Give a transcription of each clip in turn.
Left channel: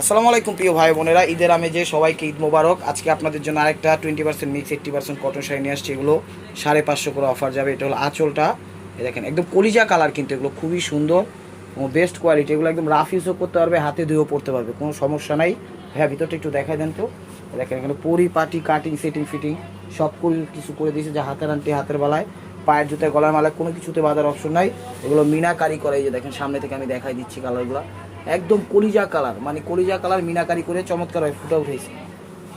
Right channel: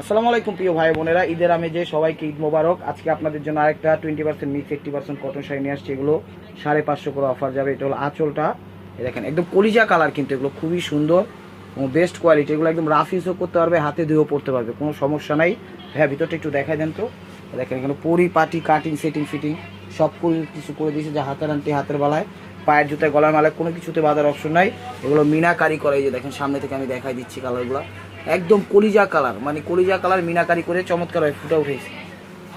আসসালামু আলাইকুম প্রিয় ভাই বোনেরা, ঈদের আমেজে সবাইকে ঈদ মোবারক। আজকে আপনাদের জন্য আরেকটা 20% মিক্স 80% কটন শাড়ি নিয়ে আসছি। এগুলো 550 করে অফার যাবে। এটা হলো আঁচলটা, দেখেন একদম কলিজা কালার, কিন্তু এগুলো খুবই সুন্দর এবং বেস্ট কোয়ালিটি। এগুলো একদম রাফ ইউজও করতে পারবে, হাতে ধুয়েও পড়তে পারবে, কোনো সমস্যা নাই। হ্যাঁ, ভিতরটা একটু দেখাই দেন তো। দেখেন এখানে পরিপাটি কাটিং সেটিং ফিটিং সব কিছু করে দিয়েছে, যা হাতের আনতে হাতের বেলায়, পায়ের জুতায় গলার মালায় কোনো কিছুতে বাঁধার অপশন নাই। এগুলো মিনাকারি করে, এই যে দেখেন সামনে থেকে আমি দেখাই দিচ্ছি কালারগুলো। একদম কলিজা কালার, মানে কলিজা কালার মিনাকারি করে চমৎকার ফুটে উঠেছে।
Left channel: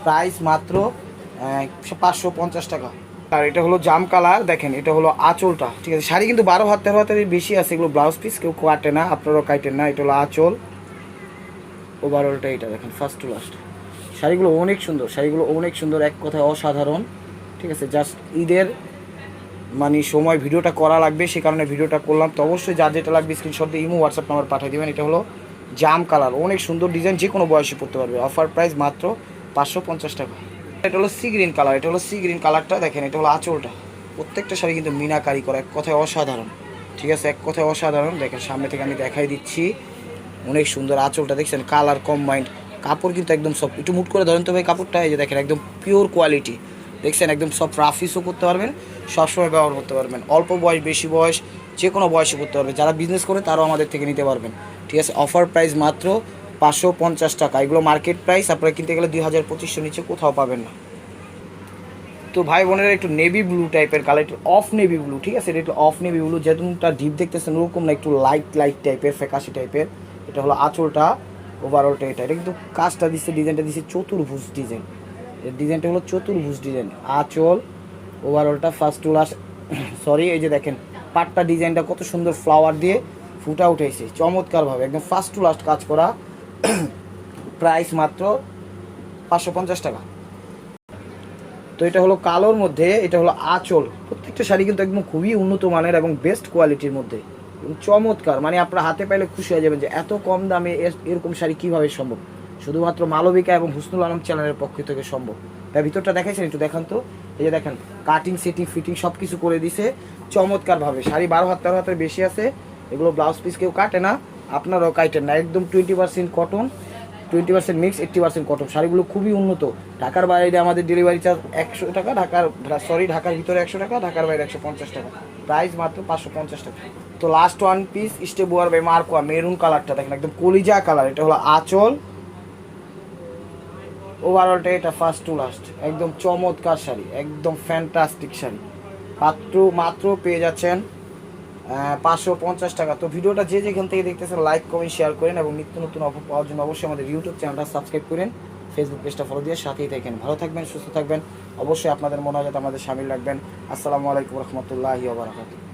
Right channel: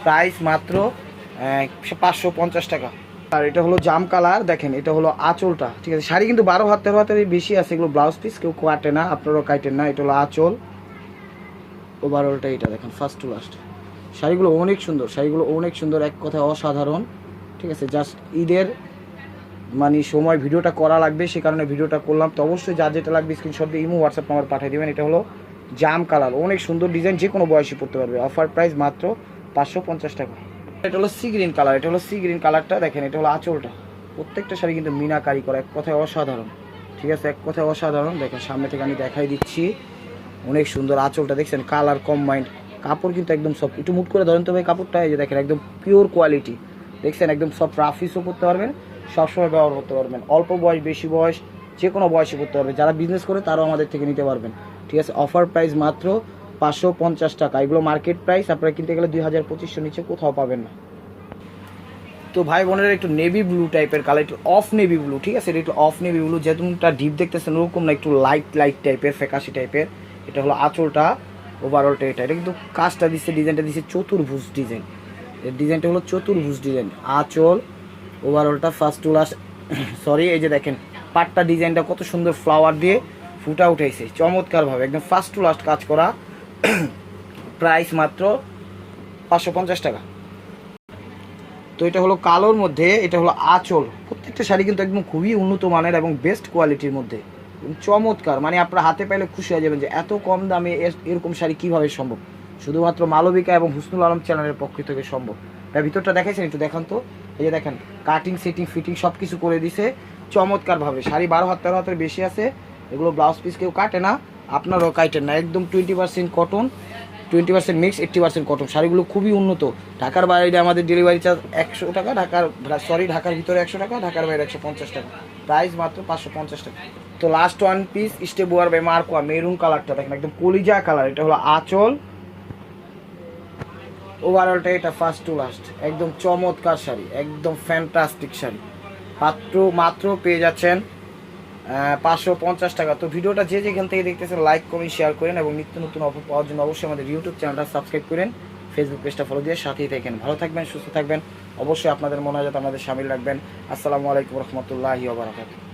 প্রাইস মাত্র 550 টাকা। আর এটা হলো জাম কালার, দেখেন এটা হলো আঁচলটা, ঠিক আছে। শাড়ি কিন্তু 12 হাত 13 হাতের বেশি আছে। এগুলো ব্লাউজ পিস, কেউ কাটে না, আপনারাও কাটেন না। এটা হলো আঁচল, ওভারঅলটা এটা দেখেন ফার্স্ট টু লাস্ট। শাড়িগুলো অনেক সুন্দর, শাড়িগুলো অনেক সুন্দর, এক কথায় অসাধারণ, ঠিক আছে। জাস্ট ঈদের মানে সময় ভিডিওটা করা লাগবে, সে কারণে ভিডিওটা করলাম। তো অবশ্যই যার যেটা লাগবে স্ক্রিনশট দিয়ে ইমো হোয়াটসঅ্যাপ নাম্বার পাঠিয়ে দেবেন। এটা হলো জাম কালার, অনেক সুন্দর ডিজাইন, যে কোনো বয়সে পড়তে পারবে। অফার প্রাইস মাত্র 550 টাকা। এটা হলো সি গ্রিন কালার, এটা হলো সি গ্রিন কালারটা, দেখেন এটা হলো আঁচলটা। প্রত্যেকটা শাড়ি কিন্তু মিনাকারি করা, এক কথায় অসাধারণ, ঠিক আছে, এক কথায় অসাধারণ। দেখেন সামনে থেকে আমি দেখাই দিচ্ছি, অনেক সুন্দর আঁচলটা, দেখছেন কালার কম্বাইন্ড। কাপড় কিন্তু একদম সব, একটু মুট করে ধরেন তো ভাই কাপড়টা, এই যে দেখেন একদম পিওর কোয়ালিটি, দেখছেন একদম সব রাফ ইউজও করতে পারবেন, সবসময় ব্যবহার করতে পারবেন। অল্প বয়স বেশি বয়স যে কোনো বয়সে করতে পারবে, যারা বিজনেস করে তারাও আমাদের থেকে নিতে পারবেন, ঠিক আছে। অফার প্রাইস মাত্র 550 টাকা। এগুলো মার্কেট প্রাইস আপনারা কিনতে গেলে 2500 নিচে কোথাও পাবেন না। তো ভাই বোনেরা, একটু নেভি ব্লু টাইপের কালার, একটু অফ নেভি ব্লু, ঠিক আছে। এটা একটু অফ নেভি ব্লু, যেরকমটা ডিপ দেখতেছেন ওরকম না, একটু লাইট লাইট টাইপের, ফ্যাকাশি টাইপের। এটা হলো আঁচলটা, ওভারঅলটা এটা কিন্তু কাজটা দিচ্ছে, ডিজাইনটা দিচ্ছে চতুর্ভুজ ডিজাইন। এর ডিজাইনটা হলো চতুর্ভুজ ডিজাইন। আঁচল, ওভারঅলটা ফার্স্ট টু লাস্ট সরি, এই যে দেখেন পাটটা ডিজাইনটা কত সুন্দর ফ্লাওয়ার দিয়ে ফুটা উঠেছে চমৎকারভাবে, একদম ফার্স্ট টু লাস্ট কাজ করা। প্রাইস মাত্র 550 টাকা। তো এটা হলো কালোর মধ্যে, এটা হলো আঁচল। প্রত্যেকটা শাড়ি কিন্তু একদম খুবই উন্নত মানের এবং বেস্ট কোয়ালিটির মধ্যে, চমৎকার। মানে আপনার হাতে পাইলে খুশি হয়ে যাবেন যে এত কম দামে এরকম শাড়ি কীভাবে সম্ভব। শুধুমাত্র মালবিকা এবং হুসনুল আলম চ্যানেলের পক্ষ থেকে সম্ভব। তার ভিতরটা দেখাইছেন, একটু দেখান তো। এই যে দেখেন কাটিং সেটিং ফিটিং সব কিছু করে দিছে চমৎকারভাবে। শাড়ি 12 হাত 13 হাতের বেশি আছে। এগুলো ব্লাউজ পিস কেউ কাটে না, আপনারাও কাটেন না। একদম 20% কটন, 20% মিক্স, 80% কটন। শাড়িগুলো খুবই উন্নত। ঢাকার বাইরে আমাদের ডেলিভারি চার্জ 100 টাকা, ঢাকার ভিতরে 100 টাকা, ঢাকার বাইরে 150 টাকা। প্রাইস মাত্র 550 টাকা। তো লাস্ট ওয়ান পিস স্টেবোয়ার বাই মার্কোয়া, মেরুন কালারটা দেখেন একদম কলিজা কালার। এটা হলো আঁচল, ওভারঅলটা এটা ফার্স্ট টু লাস্ট, একদম চমৎকার শাড়ি, একদম ফ্যান্টাস্টিক শাড়ি। মাত্র পেয়ে যাচ্ছেন 550 টাকা। তো ভিডিওটা যে যেখান থেকে দেখতেছেন লাইক কমেন্ট শেয়ার করেন এবং নিত্য নতুন অফার পাওয়ার জন্য অবশ্যই আমাদের ইউটিউব চ্যানেলটা সাবস্ক্রাইব করেন, ফেসবুক পেজটা ফলো দিয়ে সাথেই থাকেন। ভালো থাকবেন, সুস্থ থাকবেন। অবশ্যই আপনাদের মনে হয় যাতে আমাদের সামিল রাখবেন। আসসালামু আলাইকুম রহমতুল্লাহি ওয়া বারাকাতুহু।